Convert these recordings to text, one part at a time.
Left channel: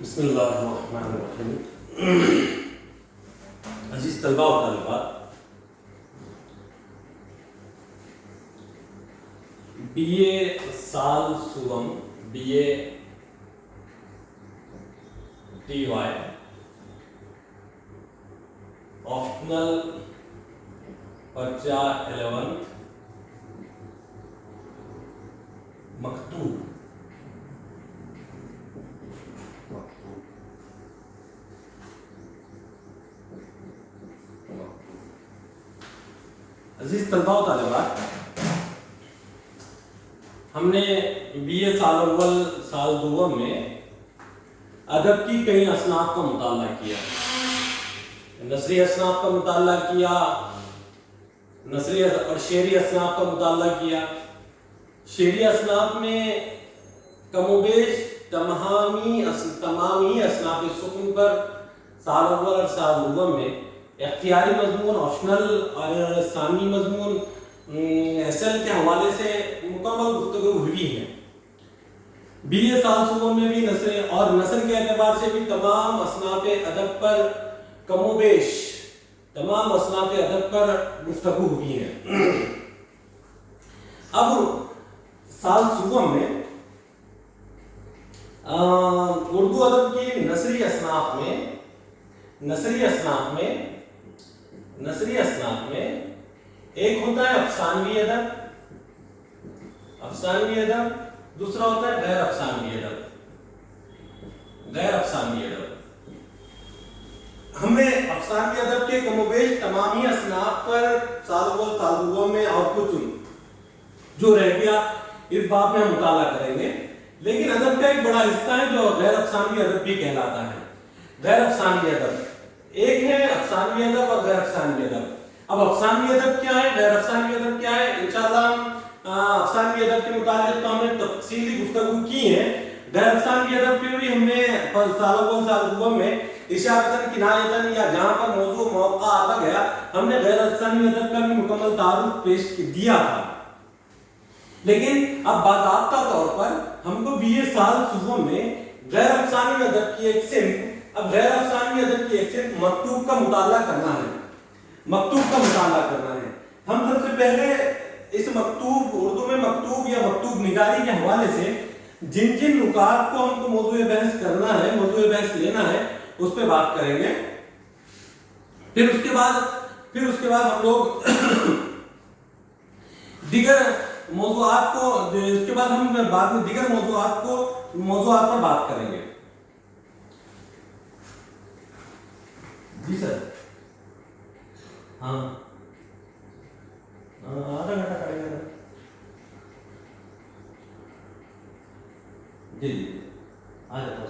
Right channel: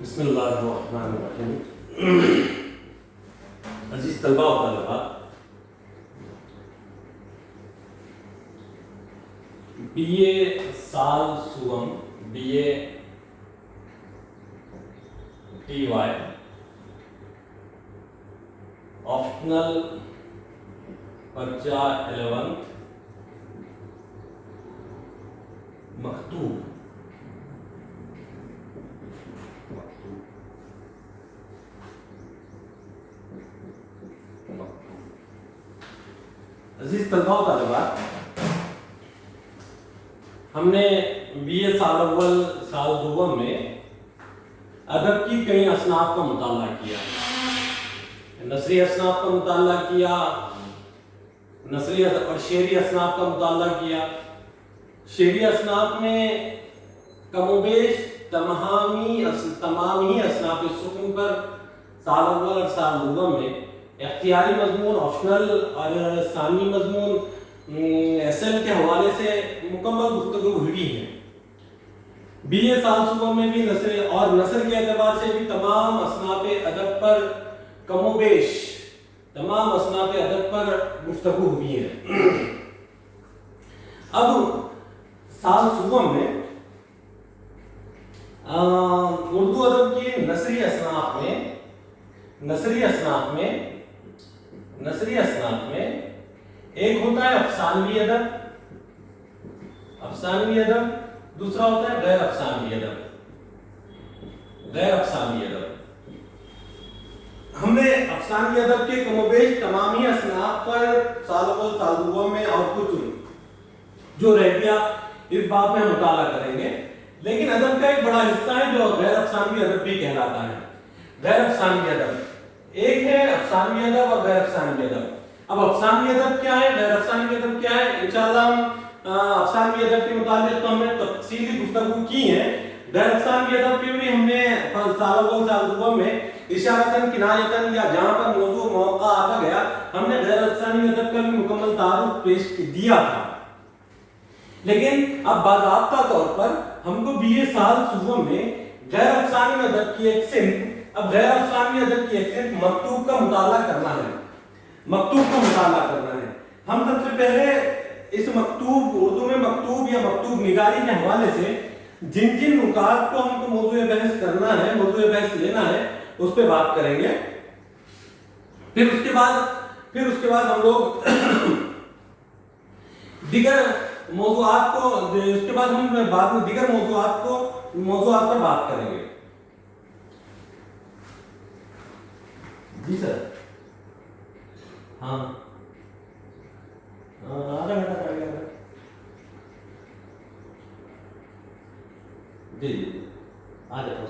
بسم اللہ الرحمن الرحیم. عزیز طلباء و طالبات، بی اے سال سوم B A T Y optional پرچہ 11 مکتوب عزیز طلباء و طالبات، ہم نے بی اے سال اول سال دوم میں ادب کی کئی اصناف کا مطالعہ کیا. نثری اصناف کا مطالعہ کیا، نثری اور شعری اصناف کا مطالعہ کیا. شعری اصناف میں کم و بیش تمام ہی اصناف سکون پر سال اول اور سال دوم میں اختیاری مضمون، آپشنل اور ثانوی مضمون ایسل کے حوالے سے مکمل گفتگو ہوئی ہے. بی اے سال صوبوں میں بھی نثر اور نثر کے اعتبار سے بھی تمام اصناف ادب پر کم و بیش تمام اصناف ادب پر گفتگو ہوئی ہے. اب سال صوبوں میں اردو ادب کی نثری اصناف میں ایک ہوتا ہے افسانوی ادب، دوسرا ہوتا ہے غیر افسانوی ادب. ہم نے افسانوی ادب کے کم و بیش تمام ہی اصناف پر سال اول سال دوم میں اور کچھ جو رہ گیا اس بات میں ہم مطالعہ کریں گے. لیکن ادب کا ایک بڑا حصہ ہے جو غیر افسانوی ادب بھی کہلاتا ہے. غیر افسانوی ادب ایک ہے افسانوی ادب اور غیر افسانوی ادب. اب افسانوی ادب کیا ہے، غیر افسانوی ادب کیا ہے، انشاءاللہ ہم افسانوی ادب کے متعلق تو ہم نے تفصیلی گفتگو کی ہے. غیر افسانوی ادب کی بھی ہم نے سال اول سال دوم میں اشارتاً کنایتاً یا جہاں پر موضوع موقع آتا گیا ہم نے غیر افسانوی ادب کا بھی مکمل تعارف پیش دیا تھا. لیکن اب باضابطہ طور پر ہم کو بی اے سال صوبوں میں غیر افسانوی ادب کی ایک صنف مکتوب کا مطالعہ کرنا ہے. ہم سب سے پہلے اس مکتوب اردو میں مکتوب یا مکتوب نگاری کے حوالے سے جن نکات کو ہم کو موضوع بحث کرنا ہے، موضوع بحث لینا ہے، اس پہ بات کریں گے. پھر اس کے بعد ہم لوگ دیگر موضوعات پر بات کریں گے. جی سر. ہاں آدھا گھنٹہ کریں گے. جی آ جاتا ہوں.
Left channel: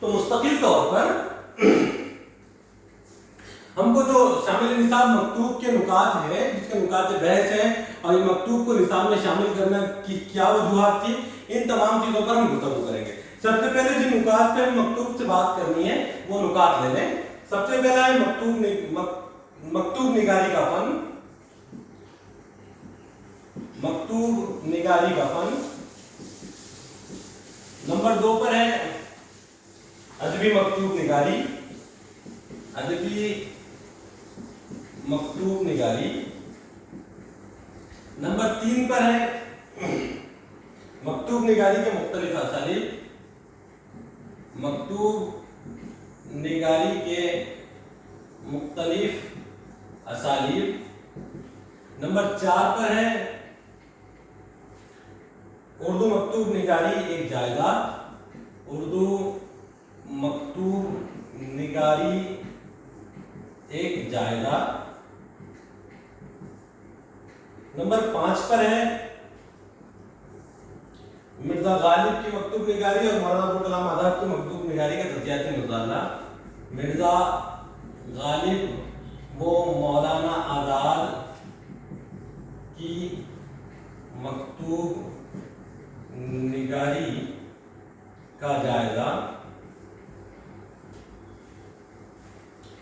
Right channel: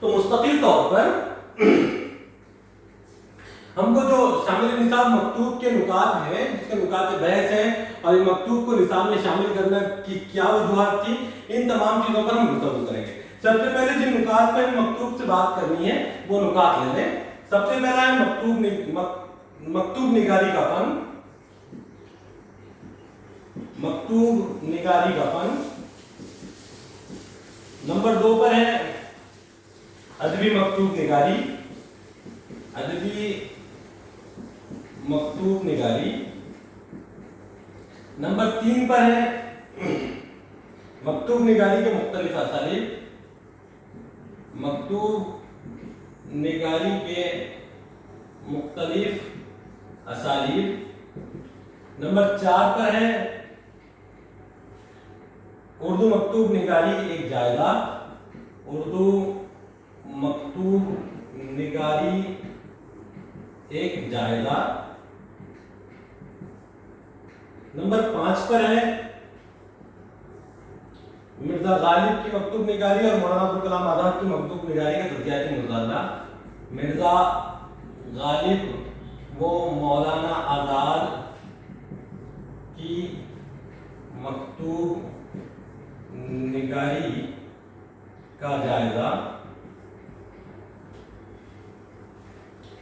تو مستقل طور پر ہم کو جو شامل نصاب مکتوب کے نکات ہیں، جس کے نکات بحث ہیں اور اس مکتوب کو نصاب میں شامل کرنا کی کیا وجوہات تھی، ان تمام چیزوں پر ہم گفتگو کریں گے. سب سے پہلے جن نکات پر مکتوب سے بات کرنی ہے وہ نکات لے لیں. سب سے پہلا ہے مکتوب نگاری کا فن. نمبر 2 پر ہے ادبی مکتوب نگاری. نمبر 3 پر ہے مکتوب نگاری کے مختلف اسالیب. نمبر 4 پر ہے اردو مکتوب نگاری ایک جائزہ. نمبر 5 پر ہے مرزا غالب کی مکتوب نگاری اور مولانا ابوالکلام آزاد کی مکتوب نگاری کا تجزیاتی مطالعہ. مرزا غالب و مولانا آزاد کی مکتوب نگاری کا جائزہ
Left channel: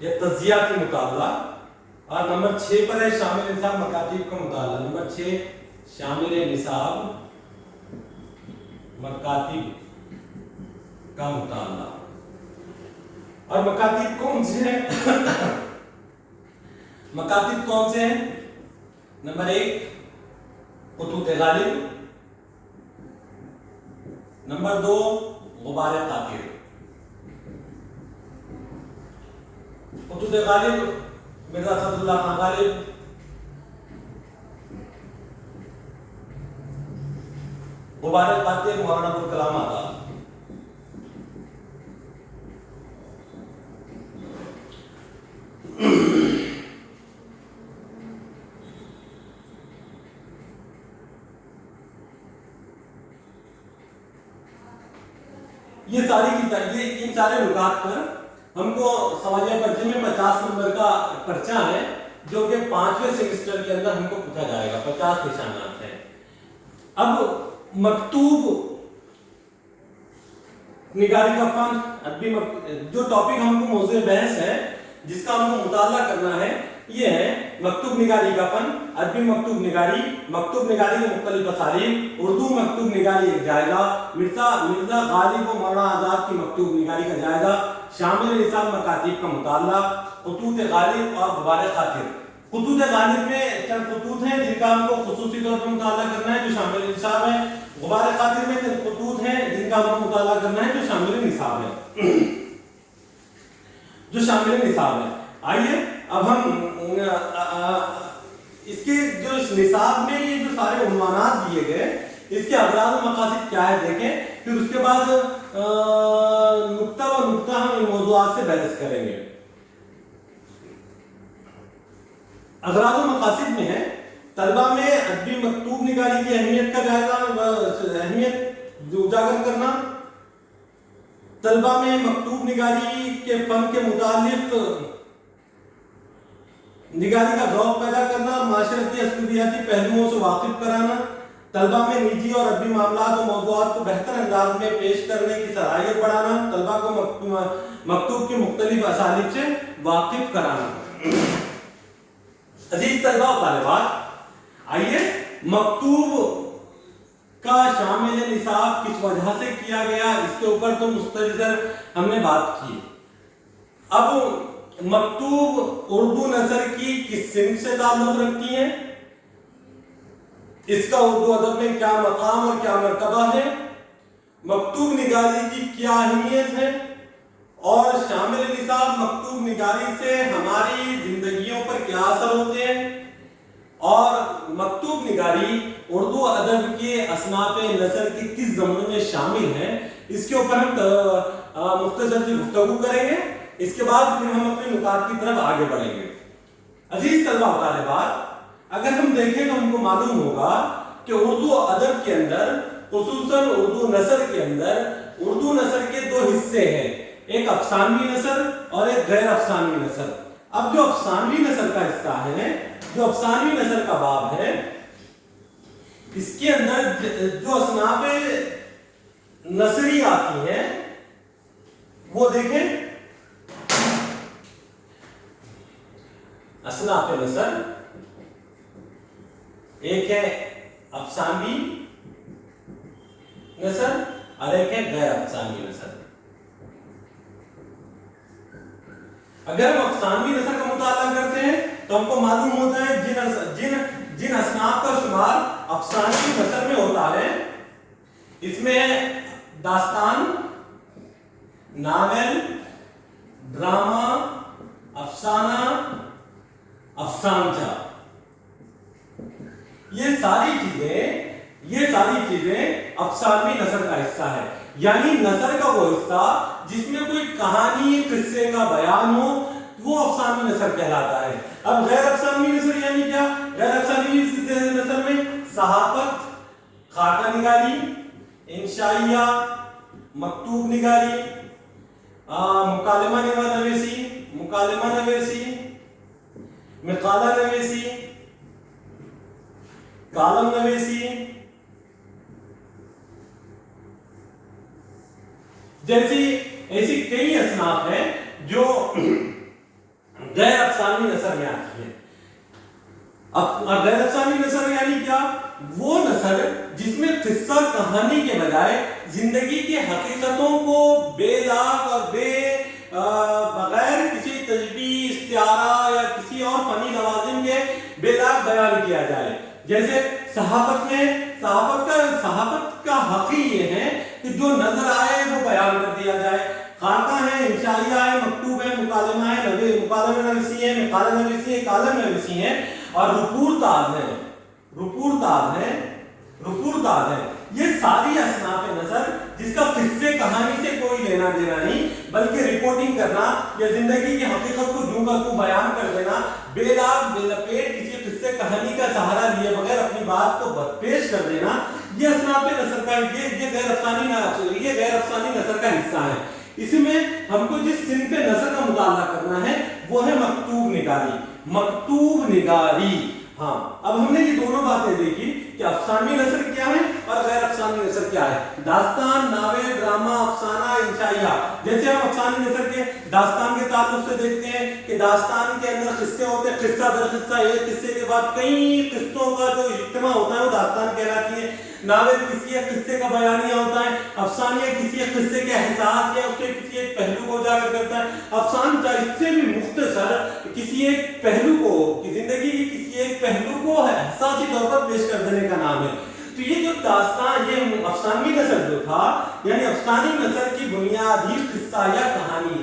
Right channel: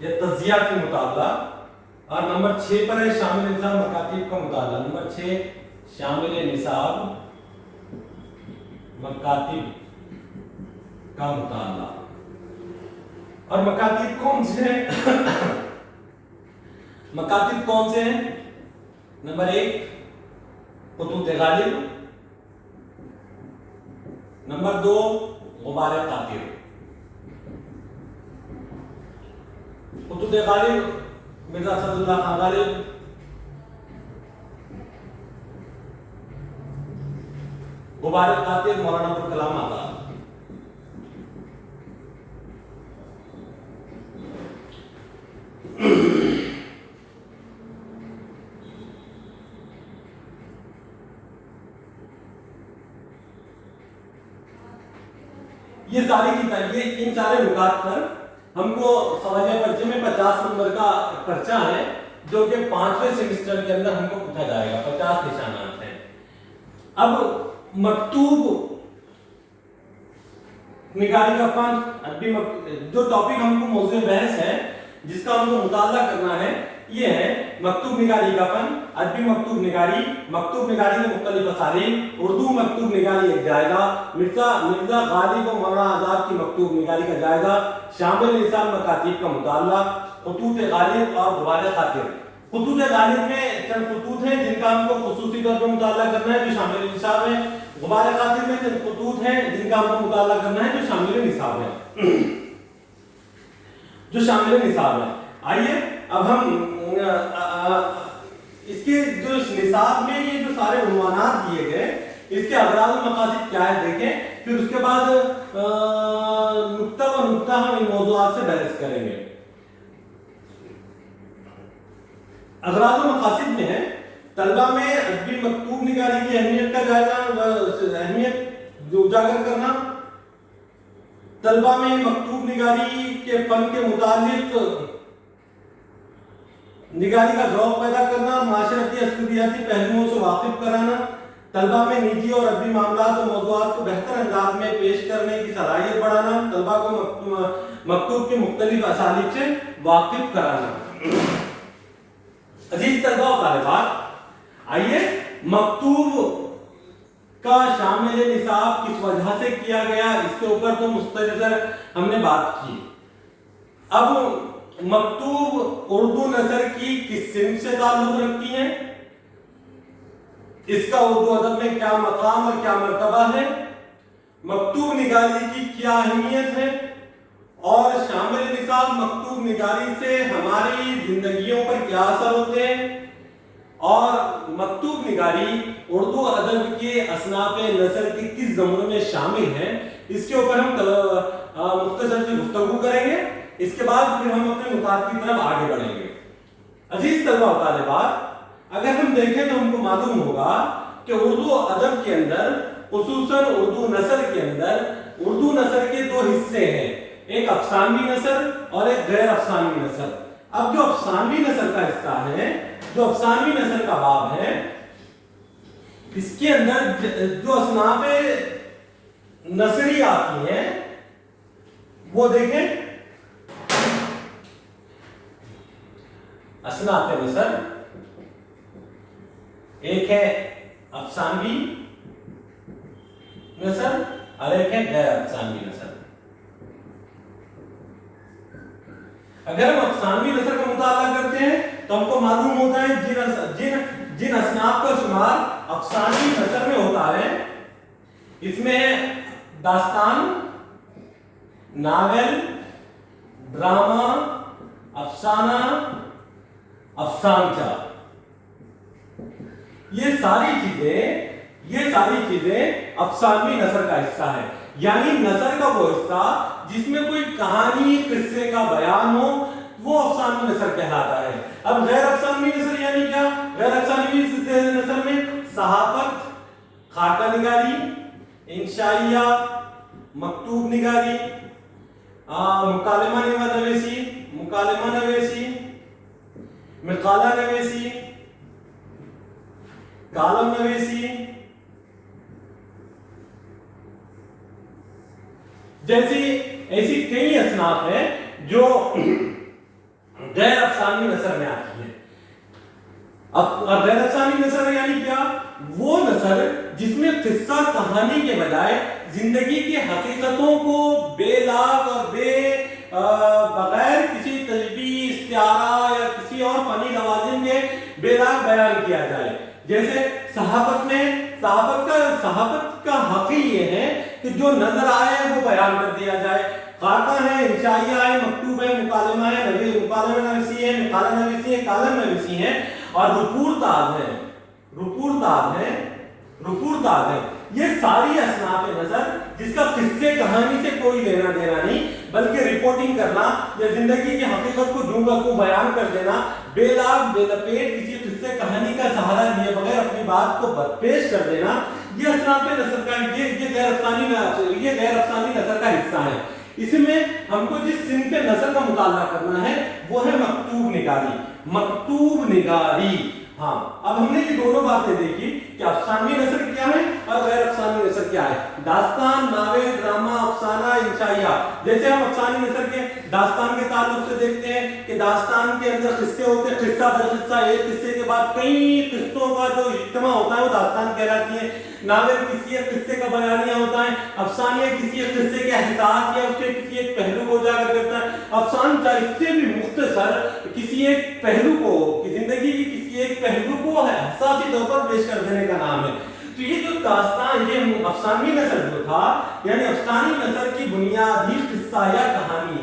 یا تجزیاتی مطالعہ. और नंबर 6 पर है शामिल निसाब मकातीब का मुताला। नंबर 6 शामिल निसाब मकातीब का मुताला। और मकातीब कौन से हैं? मकातीब कौन से हैं? नंबर 1 खुतूत गालिब, नंबर 2 गुबार कातिर। खुतूत गालिब मिर्जा सदुल्लाह खान गालिब, गुबार कातिर मौलाना अब्दुल कलाम आजाद। ये सारी की ये इन सारे नुकात पर हमको सवालिया पर्चे में 50 नंबर का पर्चा है, जो कि 5वें सेमेस्टर के अंदर हमको पूछा जाएगा। 50 निशानात हैं। अब मकतूब निगारी का फन, अदबी जो टॉपिक हमको मौजूद बहस है, जिसका हमको मुताला करना है, ये है मकतूब निगारी का फन, अदबी मकतूब निगारी के मुख्तलिफ असालीब, उर्दू मकतूब निगारी एक जायजा, मिर्जा गालिब और मौलाना आजाद की मकतूब निगारी का जायजा, शामिल निसाब मकातीब का मुताला, खुतूत गालिब और गुबार कातिर। खुतूत गालिब में चंद खुतूत हैं जिनका हमको खुसूसी तौर पर मुताला करना है, जो शामिल निसाब है। गुबार कातिर में चंद खुतूत हैं जिनका हमको मुताला करना है, जो शामिल निसाब है। आइए अब हम इसके जो निसाब में ये जो सारे उन्वानात दिए गए, इसके अगराज़ और मकासद क्या है देखें, फिर उसके बाद नुक्ता व नुक्ता हम इन मौज़ूआत से बहस करेंगे। अगराज़ और मकासद में है तलबा में अदबी मकतूब निगारी की अहमियत का जायजा, अहमियत उजागर करना, तलबा में मकतूब निगारी के फन के मुतालिक निगारी का शौक पैदा करना, माशरती अस्लूबियाती पहलुओं से वाकिफ कराना, तलबा में निजी और अदबी मामलात और मौज़ूआत को बेहतर अंदाज में पेश करने की सलाहियत बढ़ाना, तलबा को मकतूब की मुख्तलिफ असालीब से वाकिफ कराना। अजीज तलबा और तालिबात, आइए मकतूब का शामिल निसाब किस वजह से किया गया, इसके ऊपर तो मुस्तफ़िज़र हमने बात की। अब मकतूब उर्दू नसर की किस सिंफ से ताल्लुक रखती है, इसका उर्दू अदब में क्या मकाम और क्या मर्तबा है, मकतूब निगारी की क्या अहमियत है, और शामिल निसाब मकतूब निगारी से हमारी जिंदगियों पर क्या असर होते हैं, और मकतूब निगारी उर्दू अदब के असनाफ नसर के किस ज़मरे में शामिल है, इसके ऊपर हम मुख्तसर सी गुफ्तगू करेंगे। इसके बाद फिर हम अपने नुकात की तरफ आगे बढ़ेंगे। अजीज तलबा और तालिबात, अगर हम देखें तो हमको मालूम होगा कि उर्दू अदब के अंदर, खुसूसन उर्दू नसर के अंदर, उर्दू नसर के दो हिस्से हैं, एक अफसानवी नसर और एक गैर अफसानवी नसर। अब जो अफसानवी नसर का हिस्सा है, जो अफसानवी नसर का बाब है, इसके अंदर जो असनाफे नसरी आती हैं वो देखें। असनाफे नसर एक है अफसानवी नसर और एक है गैर अफसानवी नसर। अगर हम अफसानवी नसर का मुताला करते हैं तो हमको मालूम होता है जिन असनाफ का शुमार अफसानवी नसर में होता है, इसमें दास्तान, नावल, ड्रामा, अफसाना, अफसानचा, ये सारी चीजें अफसानवी नसर का हिस्सा है। यानी नसर का वो हिस्सा जिसमें कोई कहानी, किस्से का बयान हो, वो अफसानवी नसर कहलाता है। अब गैर अफसानवी नसर यानी क्या? गैर अफसानवी नसर में सहाफत, खाका निगारी, इंशाइया, मकतूब निगारी, मुकालमा नवेसी, मिकाला नवेसी, कालम नवेसी, जैसी ऐसी कई असनाफ हैं जो गैर अफसानी नसर में आती है। अब गैर अफसानी नसर यानी क्या? वो नसर जिसमें किस्सा कहानी के बजाय जिंदगी की हकीकतों को बेलाग और बगैर किसी तजबीह, इस्तिआरा या किसी और फनी लवाजिम के बेलाग बयान किया जाए। जैसे सहाफत का हक ही ये है कि जो नजर आए वो बयान कर दिया जाए। खाका है, इंशाइया है, मकतूब है, मुकालमा है, मुकालमा नवीसी है, मिकाला नवीसी है, कालम नवीसी है और रुपूरताज है। ये सारी असनाफ नजर जिसका किस्से कहानी से कोई लेना देना नहीं, बल्कि रिपोर्टिंग करना या जिंदगी की हकीकत को दूं का दूं बयान कर देना, बेलाग बेलपेट किसी किस्से कहानी का सहारा लिए बगैर अपनी बात को पेश कर देना, ये असनाफ नजर का ये गैर अफसानी नजर का हिस्सा है। इसमें हमको जिस सिन पे नजर का मुताला करना है वो है मकतूब निगारी। हाँ, अब हमने ये दोनों बातें देखी कि अफसानी नसर क्या है और गैर अफसानी नसर क्या है। दास्तान, नावेल, ड्रामा, अफसाना, इंशाइया। जैसे हम अफसानी नसर के दास्तान के ताल्लुक से देखते हैं कि दास्तान के अंदर किस्से होते हैं, किस्सा दर किस्सा, एक किस्से के बाद कई किस्सों का जो इज्तिमा होता है वो दास्तान कहलाती है। नावेल किसी एक किस्से का बयानिया होता है, अफसानिया किसी एक किस्से के एहसास या उसके किसी एक पहलू को उजागर करता है। अफसान इससे भी मुख्तसर किसी एक पहलू को, जिंदगी की किसी एक पहलू को एहसासी तौर पर पेश कर देने का नाम है। तो ये जो दास्तान, ये अफसानी नसर जो था, यानी अफसानी नसर की बुनियाद ही किस्सा या कहानी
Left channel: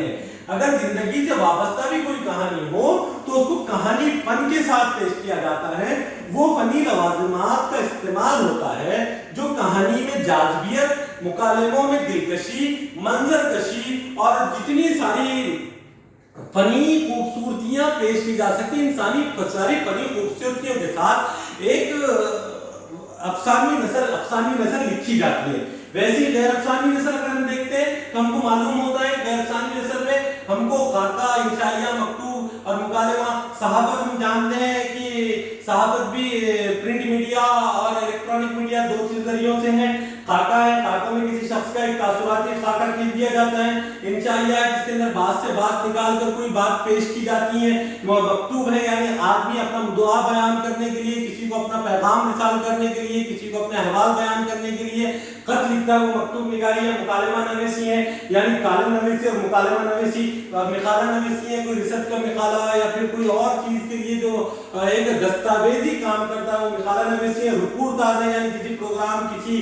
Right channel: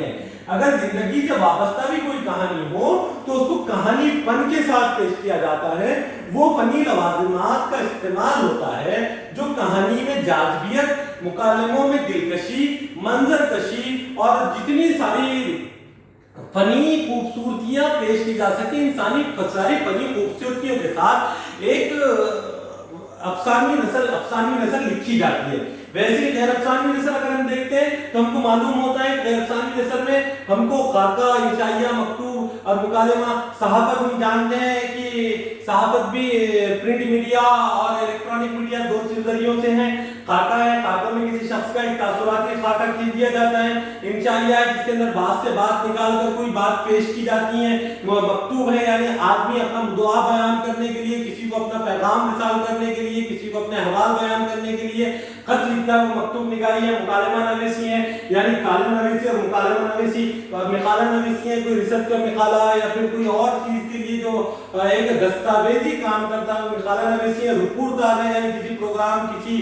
है। अगर जिंदगी से वाबस्ता भी कोई कहानी हो तो उसको कहानीपन के साथ पेश किया जाता है। वो फनी लवाजिमात का इस्तेमाल होता है जो कहानी में जाज़बियत, मुकालमों में दिलकशी, मंजरकशी और जितनी सारी फनी खूबसूरतियां पेश की जा सकती, इंसानी सारी फनी खूबसूरतियों के साथ एक अफसानी नसर लिखी जाती है। वैसे गैर अफसानी नसर अगर हम देखते हैं तो हमको मालूम होता है गैर अफसानी नसर में हमको खाका, इंशाइया, मकतूब और मुकालमा, सहाफत हम जानते हैं कि सहाफत भी प्रिंट मीडिया और इलेक्ट्रॉनिक मीडिया दो जरियों से है। खाका है, खाका में किसी शख्स का एक तासुराती खाका खींच दिया जाता है। इंशाइया है जिसके अंदर बात से बात निकाल कर कोई बात पेश की जाती है। मकतूब है यानी आदमी अपना दुआ बयान करने के लिए, किसी को अपना पैगाम मिसाल करने के लिए, किसी को अपने अहवाल बयान करने के लिए खत लिखता है, वो मकतूब निगारी है। मुकालमा नवीसी है यानी कालम नवीसी और मुकालमा नवीसी और मिकाला नवीसी है, कोई रिसर्च का मिकाला या फिर कोई और चीज के लिए जो एक दस्तावेजी काम करता है वो मिकाला नवीसी है। रुपूरताज है यानी किसी प्रोग्राम, किसी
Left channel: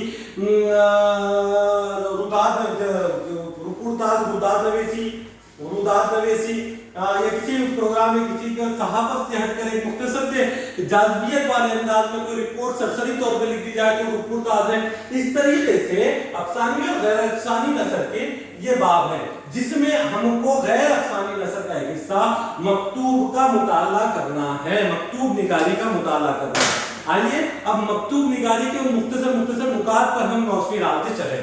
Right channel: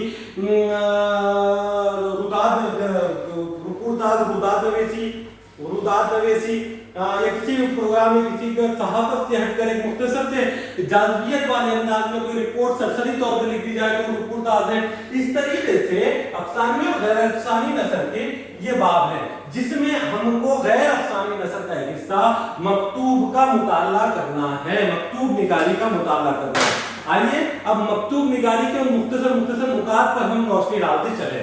रुदाद नवीसी या किसी प्रोग्राम में किसी का सहाफत से हटकर एक मुख्तसर से जाज़बियत वाले अंदाज में कोई रिपोर्ट सरसरी तौर पे लिख दी जाए तो रुपूरताज है। इस तरीके से अफसानी और गैर अफसानी नसर के ये बाब है जिसमें हमको गैर अफसानी नसर का एक हिस्सा मकतूब का मुताला करना है, मकतूब निगारी का मुताला करना है। आइए अब मकतूब निगारी के मुख्तसर मुकात पर हम रोशनी डालते चले।